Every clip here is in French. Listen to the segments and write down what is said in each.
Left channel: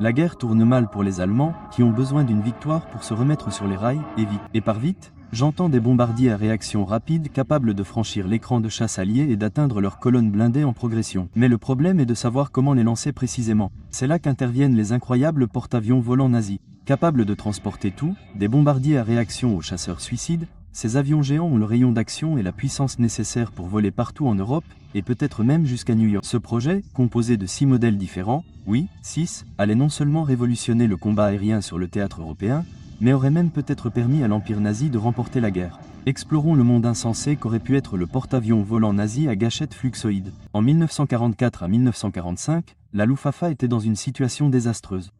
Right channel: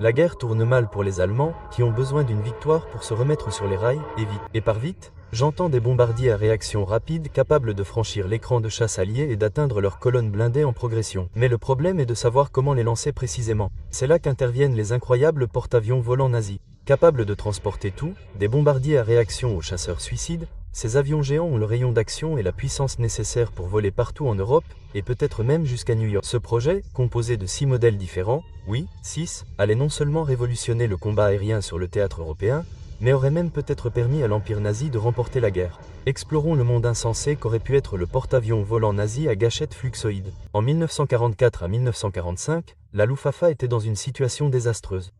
La guerre tourne mal pour les Allemands, qui ont besoin d'une victoire pour se remettre sur les rails, et vite. Et par vite, j'entends des bombardiers à réaction rapide capables de franchir l'écran de chasse allié et d'atteindre leurs colonnes blindées en progression. Mais le problème est de savoir comment les lancer précisément. C'est là qu'interviennent les incroyables porte-avions volants nazis. Capables de transporter tout, des bombardiers à réaction aux chasseurs suicides, ces avions géants ont le rayon d'action et la puissance nécessaire pour voler partout en Europe, et peut-être même jusqu'à New York. Ce projet, composé de 6 modèles différents, oui, 6, allait non seulement révolutionner le combat aérien sur le théâtre européen, mais aurait même peut-être permis à l'Empire nazi de remporter la guerre. Explorons le monde insensé qu'aurait pu être le porte-avions volant nazi à gâchette fluxoïde. En 1944 à 1945, la Luftwaffe était dans une situation désastreuse.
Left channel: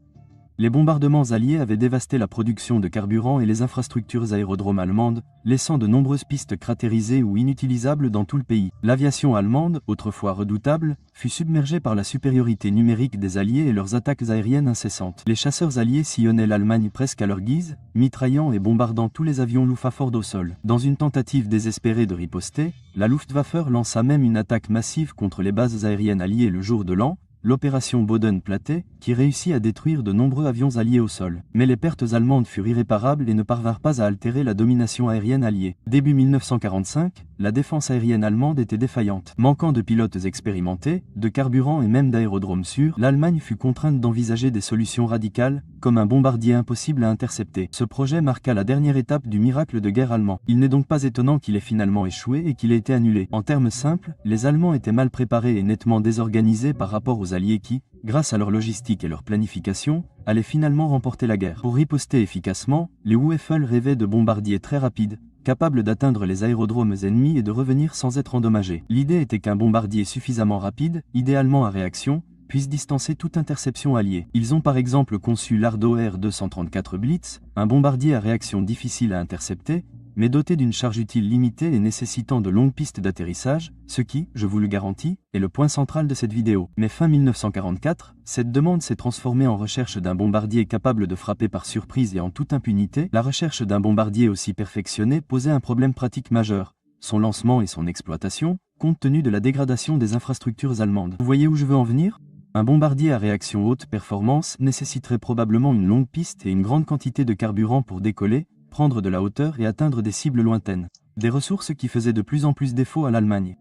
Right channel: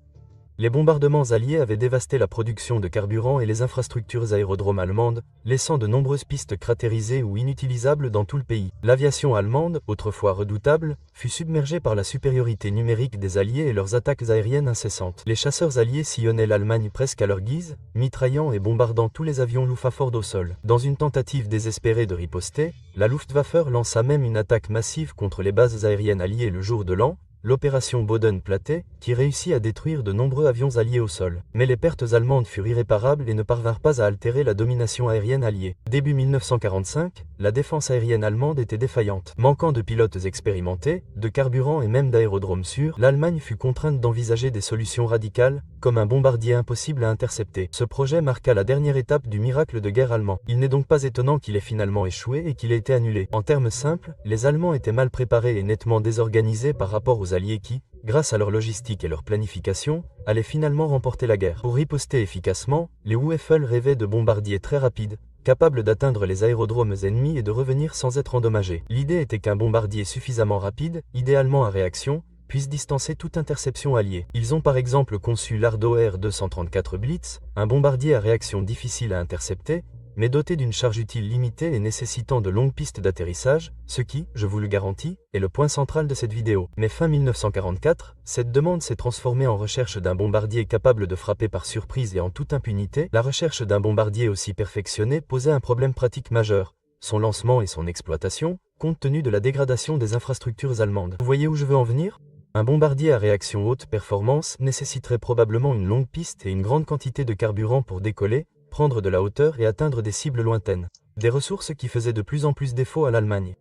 Les bombardements alliés avaient dévasté la production de carburant et les infrastructures aérodromes allemandes, laissant de nombreuses pistes cratérisées ou inutilisables dans tout le pays. L'aviation allemande, autrefois redoutable, fut submergée par la supériorité numérique des Alliés et leurs attaques aériennes incessantes. Les chasseurs alliés sillonnaient l'Allemagne presque à leur guise, mitraillant et bombardant tous les avions Luftwaffe au sol. Dans une tentative désespérée de riposter, la Luftwaffe lança même une attaque massive contre les bases aériennes alliées le jour de l'an, l'opération Boden-Platte, qui réussit à détruire de nombreux avions alliés au sol. Mais les pertes allemandes furent irréparables et ne parvinrent pas à altérer la domination aérienne alliée. Début 1945, la défense aérienne allemande était défaillante. Manquant de pilotes expérimentés, de carburant et même d'aérodromes sûrs, l'Allemagne fut contrainte d'envisager des solutions radicales, comme un bombardier impossible à intercepter. Ce projet marqua la dernière étape du miracle de guerre allemand. Il n'est donc pas étonnant qu'il ait finalement échoué et qu'il ait été annulé. En termes simples, les Allemands étaient mal préparés et nettement désorganisés par rapport aux Alliés qui, grâce à leur logistique et leur planification, allaient finalement remporter la guerre. Pour riposter efficacement, les Wueffel rêvaient de bombardiers très rapides, capables d'atteindre les aérodromes ennemis et de revenir sans être endommagés. L'idée était qu'un bombardier suffisamment rapide, idéalement à réaction, puisse distancer toute interception alliée. Ils ont par exemple conçu l'Ardo R-234 Blitz, un bombardier à réaction difficile à intercepter, mais doté d'une charge utile limitée et nécessitant de longues pistes d'atterrissage, ce qui, je vous le garantis, est le point central de cette vidéo. Mais fin 1944, cette demande s'est transformée en recherche d'un bombardier capable de frapper par surprise et en toute impunité. La recherche d'un bombardier aussi perfectionné posait un problème pratique majeur, son lancement et son exploitation, compte tenu de la dégradation des infrastructures allemandes. Vous voyez où je veux en venir ? Un bombardier à réaction haute performance nécessiterait probablement une longue piste et une grande quantité de carburant pour décoller, prendre de la hauteur et atteindre des cibles lointaines. Des ressources qui faisaient de plus en plus défaut à l'Allemagne.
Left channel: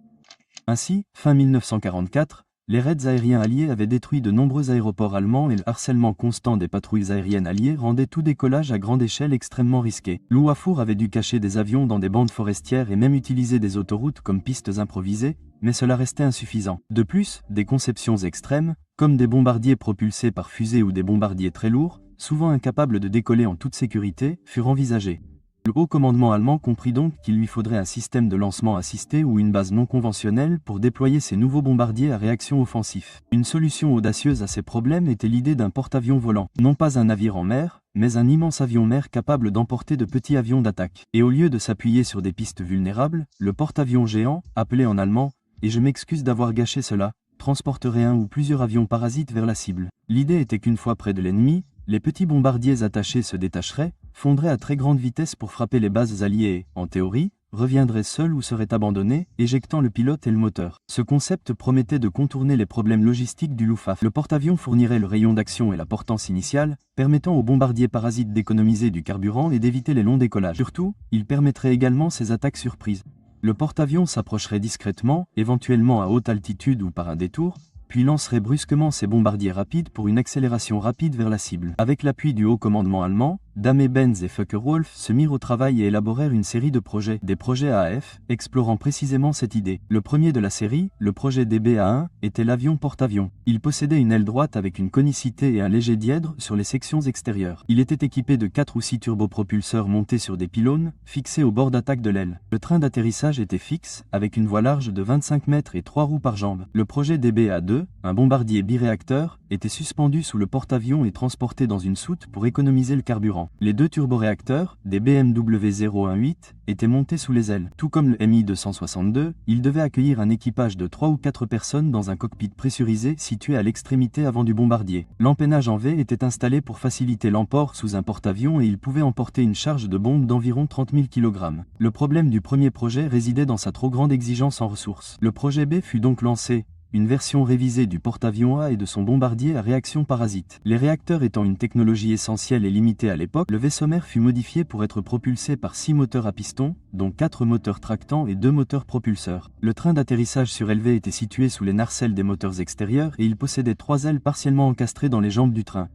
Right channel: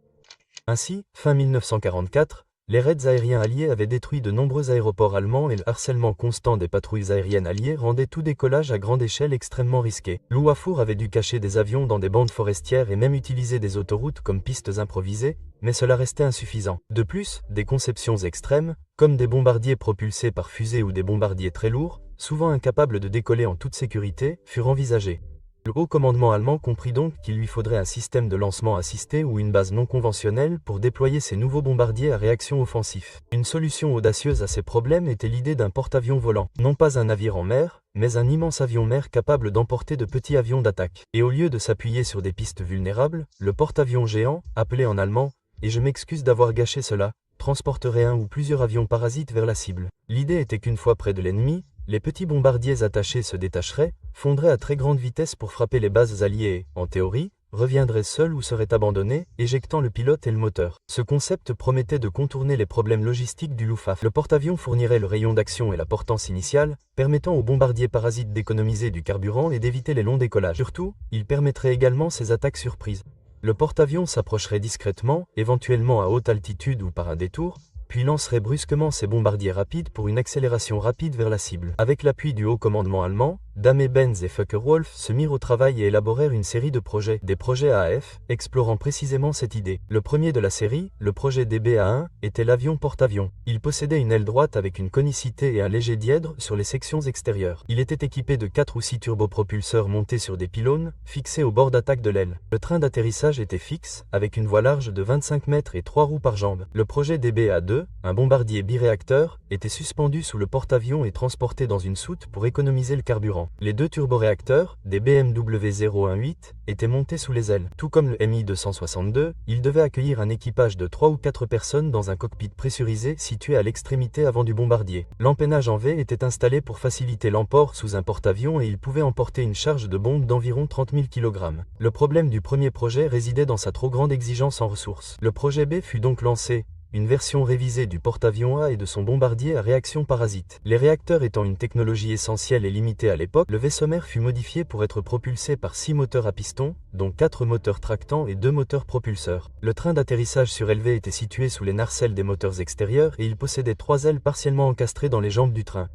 Ainsi, fin 1944, les raids aériens alliés avaient détruit de nombreux aéroports allemands et le harcèlement constant des patrouilles aériennes alliées rendait tout décollage à grande échelle extrêmement risqué. Luftwaffe avait dû cacher des avions dans des bandes forestières et même utiliser des autoroutes comme pistes improvisées, mais cela restait insuffisant. De plus, des conceptions extrêmes, comme des bombardiers propulsés par fusée ou des bombardiers très lourds, souvent incapables de décoller en toute sécurité, furent envisagées. Le haut commandement allemand comprit donc qu'il lui faudrait un système de lancement assisté ou une base non conventionnelle pour déployer ces nouveaux bombardiers à réaction offensif. Une solution audacieuse à ces problèmes était l'idée d'un porte-avions volant. Non pas un navire en mer, mais un immense avion-mer capable d'emporter de petits avions d'attaque. Et au lieu de s'appuyer sur des pistes vulnérables, le porte-avions géant, appelé en allemand, et je m'excuse d'avoir gâché cela, transporterait un ou plusieurs avions parasites vers la cible. L'idée était qu'une fois près de l'ennemi, les petits bombardiers attachés se détacheraient, fondraient à très grande vitesse pour frapper les bases alliées et, en théorie, reviendraient seuls ou seraient abandonnés, éjectant le pilote et le moteur. Ce concept promettait de contourner les problèmes logistiques du Luftwaffe. Le porte-avions fournirait le rayon d'action et la portance initiale, permettant aux bombardiers parasites d'économiser du carburant et d'éviter les longs décollages. Surtout, il permettrait également ces attaques surprises. Le porte-avions s'approcherait discrètement, éventuellement à haute altitude ou par un détour, puis lancerait brusquement ses bombardiers rapides pour une accélération rapide vers la cible. Avec l'appui du haut commandement allemand, Daimler-Benz et Focke-Wulf se mirent au travail et élaborèrent une série de projets, des projets AF, explorant précisément cette idée. Le premier de la série, le projet DBA-1, était l'avion porte-avions. Il possédait une aile droite avec une conicité et un léger dièdre sur les sections extérieures. Il était équipé de 4 ou 6 turbopropulseurs montés sur des pylônes, fixés au bord d'attaque de l'aile. Le train d'atterrissage était fixe, avec une voie large de 25 mètres et 3 roues par jambe. Le projet DBA-2, un bombardier biréacteur, était suspendu sous le porte-avions et transporté dans une soute pour économiser le carburant. Les 2 turboréacteurs, des BMW 018, étaient montés sous les ailes. Tout comme le Mi-262, il devait accueillir un équipage de 3 ou 4 personnes dans un cockpit pressurisé situé à l'extrémité avant du bombardier. L'empennage en V était installé pour faciliter l'emport sous un porte-avions et il pouvait emporter une charge de bombe d'environ 30 000 kg. Le problème du premier projet résidait dans sa trop grande exigence en ressources. Le projet B fut donc lancé, une version révisée du porte-avions A et de son bombardier à réaction parasite. Les réacteurs étant une technologie essentielle et limitée à l'époque, le vaisseau mère fut modifié pour être propulsé par 6 moteurs à piston, dont 4 moteurs tractants et 2 moteurs propulseurs. Le train d'atterrissage surélevé était situé sous les nacelles des moteurs extérieurs et il possédait 3 ailes partiellement encastrées dans les jambes du train.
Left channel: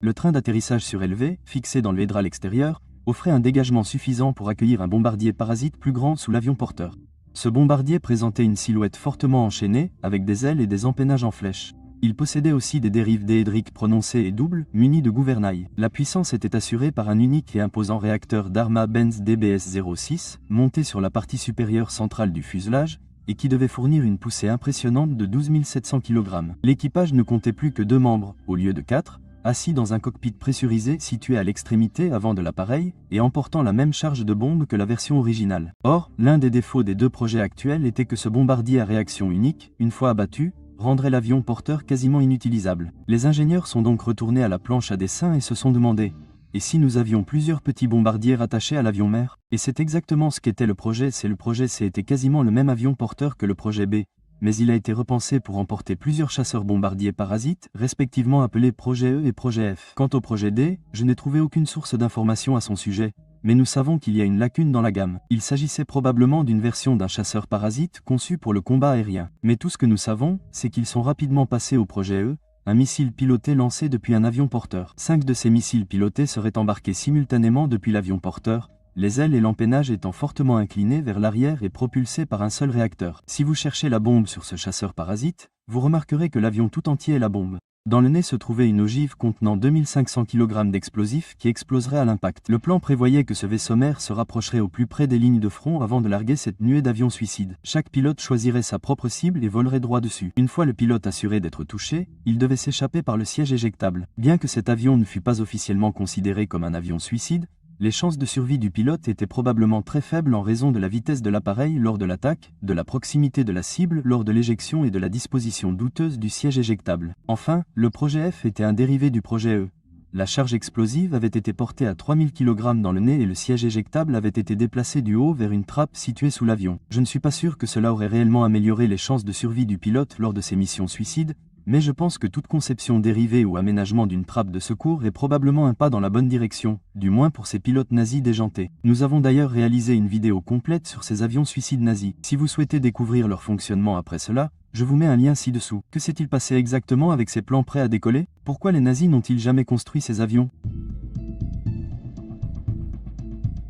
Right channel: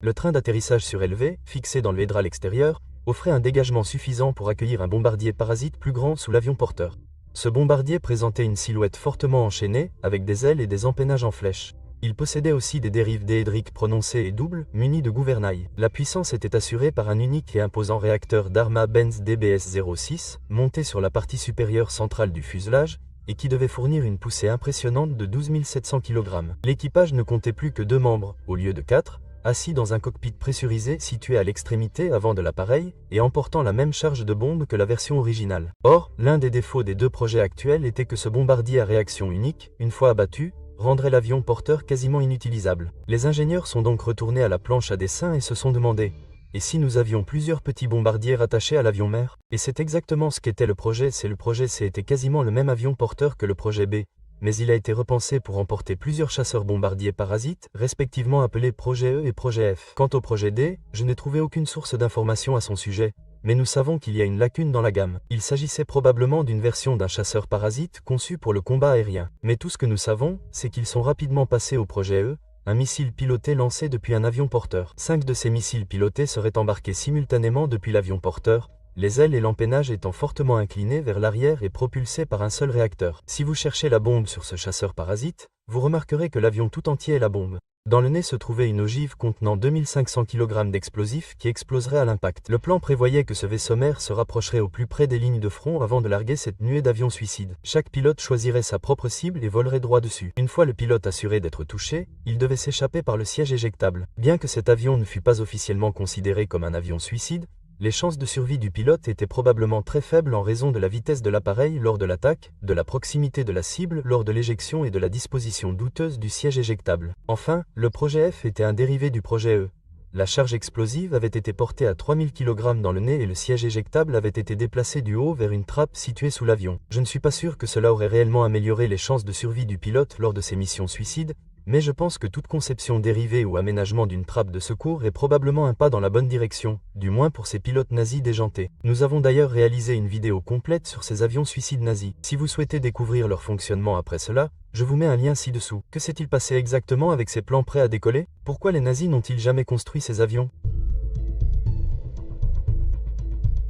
Le train d'atterrissage surélevé, fixé dans le véhicule extérieur, offrait un dégagement suffisant pour accueillir un bombardier parasite plus grand sous l'avion porteur. Ce bombardier présentait une silhouette fortement enchaînée, avec des ailes et des empennages en flèche. Il possédait aussi des dérives déédriques prononcées et doubles, munies de gouvernail. La puissance était assurée par un unique et imposant réacteur Dharma-Benz DBS-06, monté sur la partie supérieure centrale du fuselage, et qui devait fournir une poussée impressionnante de 12 700 kg. L'équipage ne comptait plus que 2 membres, au lieu de 4, assis dans un cockpit pressurisé situé à l'extrémité avant de l'appareil et emportant la même charge de bombes que la version originale. Or, l'un des défauts des 2 projets actuels était que ce bombardier à réaction unique, une fois abattu, rendrait l'avion porteur quasiment inutilisable. Les ingénieurs sont donc retournés à la planche à dessin et se sont demandé « Et si nous avions plusieurs petits bombardiers rattachés à l'avion mère ?» Et c'est exactement ce qu'était le projet C. Le projet C était quasiment le même avion porteur que le projet B, mais il a été repensé pour emporter plusieurs chasseurs bombardiers parasites, respectivement appelés projet E et projet F. Quant au projet D, je n'ai trouvé aucune source d'information à son sujet, mais nous savons qu'il y a une lacune dans la gamme. Il s'agissait probablement d'une version d'un chasseur parasite conçu pour le combat aérien. Mais tout ce que nous savons, c'est qu'ils sont rapidement passés au projet E, un missile piloté lancé depuis un avion porteur. 5 de ces missiles pilotés seraient embarqués simultanément depuis l'avion porteur, les ailes et l'empennage étant fortement inclinés vers l'arrière et propulsés par un seul réacteur. Si vous cherchez la bombe sur ce chasseur parasite, vous remarquerez que l'avion tout entier est la bombe. Dans le nez se trouvait une ogive contenant 2500 kg d'explosifs qui exploserait à l'impact. Le plan prévoyait que ce vaisseau mère se rapprocherait au plus près des lignes de front avant de larguer cette nuée d'avions suicides. Chaque pilote choisirait sa propre cible et volerait droit dessus. Une fois le pilote assuré d'être touché, il devait s'échapper par le siège éjectable. Bien que cet avion ne fût pas officiellement considéré comme un avion suicide, les chances de survie du pilote étaient probablement très faibles en raison de la vitesse de l'appareil lors de l'attaque, de la proximité de la cible lors de l'éjection et de la disposition douteuse du siège éjectable. Enfin, le projet F était un dérivé du projet E. La charge explosive avait été portée à 3000 kg dans le nez et le siège éjectable avait été déplacé du haut vers une trappe située sous l'avion. Je ne suis pas sûr que cela aurait réellement amélioré les chances de survie du pilote lors de ces missions suicides, mais je pense que toute conception dérivée ou aménagement d'une trappe de secours est probablement un pas dans la bonne direction, du moins pour ces pilotes nazis déjantés. Nous avons d'ailleurs réalisé une vidéo complète sur ces avions suicides nazis. Si vous souhaitez découvrir leur fonctionnement après cela, je vous mets un lien ci-dessous. Que s'est-il passé exactement avec ces plans prêts à décoller? Pourquoi les nazis n'ont-ils jamais construit ces avions?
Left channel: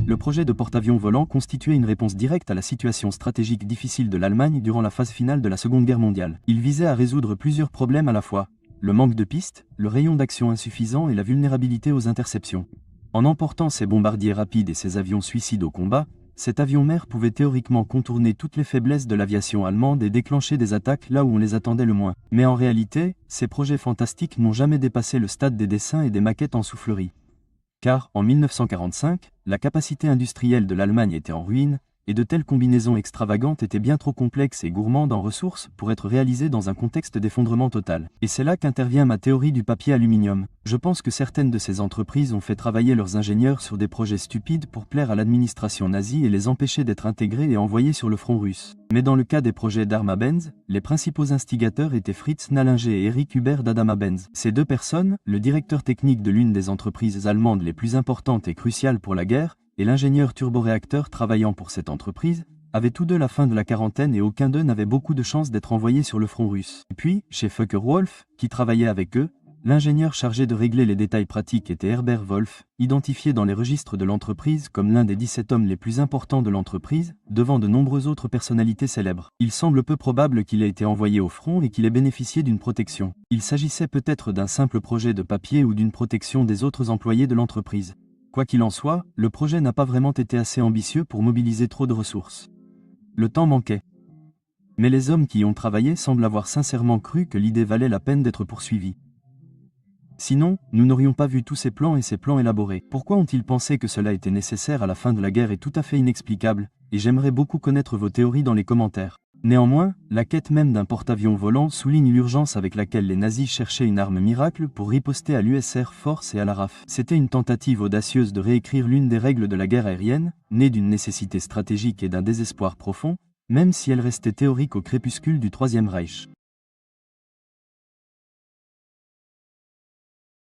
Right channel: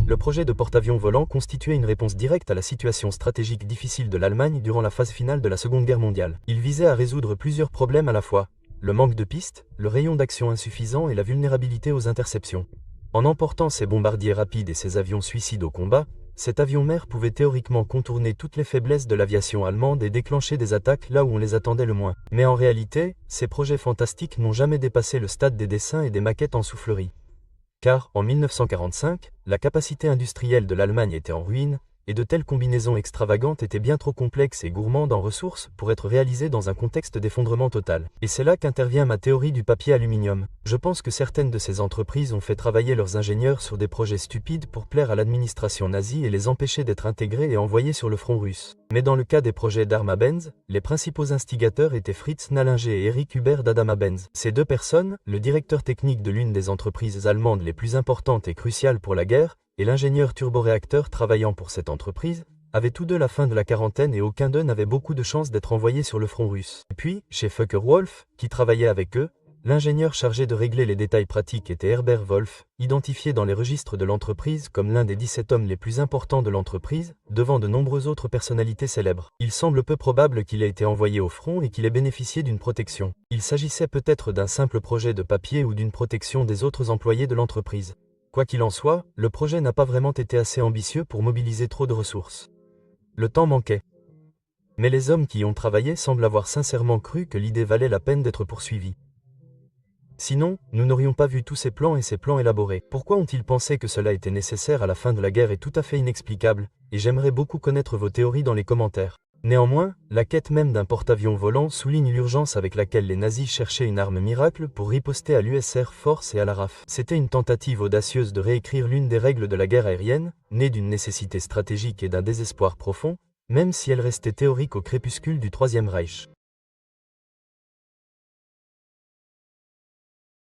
Le projet de porte-avions volant constituait une réponse directe à la situation stratégique difficile de l'Allemagne durant la phase finale de la Seconde Guerre mondiale. Il visait à résoudre plusieurs problèmes à la fois, le manque de pistes, le rayon d'action insuffisant et la vulnérabilité aux interceptions. En emportant ses bombardiers rapides et ses avions suicides au combat, cet avion mère pouvait théoriquement contourner toutes les faiblesses de l'aviation allemande et déclencher des attaques là où on les attendait le moins. Mais en réalité, ces projets fantastiques n'ont jamais dépassé le stade des dessins et des maquettes en soufflerie. Car, en 1945, la capacité industrielle de l'Allemagne était en ruine, et de telles combinaisons extravagantes étaient bien trop complexes et gourmandes en ressources pour être réalisées dans un contexte d'effondrement total. Et c'est là qu'intervient ma théorie du papier aluminium. Je pense que certaines de ces entreprises ont fait travailler leurs ingénieurs sur des projets stupides pour plaire à l'administration nazie et les empêcher d'être intégrés et envoyés sur le front russe. Mais dans le cas des projets Dharma-Benz, les principaux instigateurs étaient Fritz Nallinger et Erich Hubert d'Adama-Benz. Ces deux personnes, le directeur technique de l'une des entreprises allemandes les plus importantes et cruciales pour la guerre, et l'ingénieur turboréacteur travaillant pour cette entreprise, avaient tous deux la fin de la quarantaine et aucun d'eux n'avait beaucoup de chances d'être envoyé sur le front russe. Et puis, chez Focke-Wulf, qui travaillait avec eux, l'ingénieur chargé de régler les détails pratiques était Herbert Wolf, identifié dans les registres de l'entreprise comme l'un des 17 hommes les plus importants de l'entreprise, devant de nombreuses autres personnalités célèbres. Il semble peu probable qu'il ait été envoyé au front et qu'il ait bénéficié d'une protection. Il s'agissait peut-être d'un simple projet de papier ou d'une protection des autres employés de l'entreprise. Quoi qu'il en soit, le projet n'a pas vraiment été assez ambitieux pour mobiliser trop de ressources. Le temps manquait. Mais les hommes qui y ont travaillé semblent avoir sincèrement cru que l'idée valait la peine d'être poursuivie. Sinon, nous n'aurions pas vu tous ces plans et ces plans élaborés. Pourquoi ont-ils pensé que cela était nécessaire à la fin de la guerre est tout à fait inexplicable, et j'aimerais beaucoup connaître vos théories dans les commentaires. Néanmoins, la quête même d'un porte-avions volant souligne l'urgence avec laquelle les nazis cherchaient une arme miracle pour riposter à l'US Air Force et à la RAF. C'était une tentative audacieuse de réécrire l'une des règles de la guerre aérienne, née d'une nécessité stratégique et d'un désespoir profond, même si elle restait théorique au crépuscule du Troisième Reich.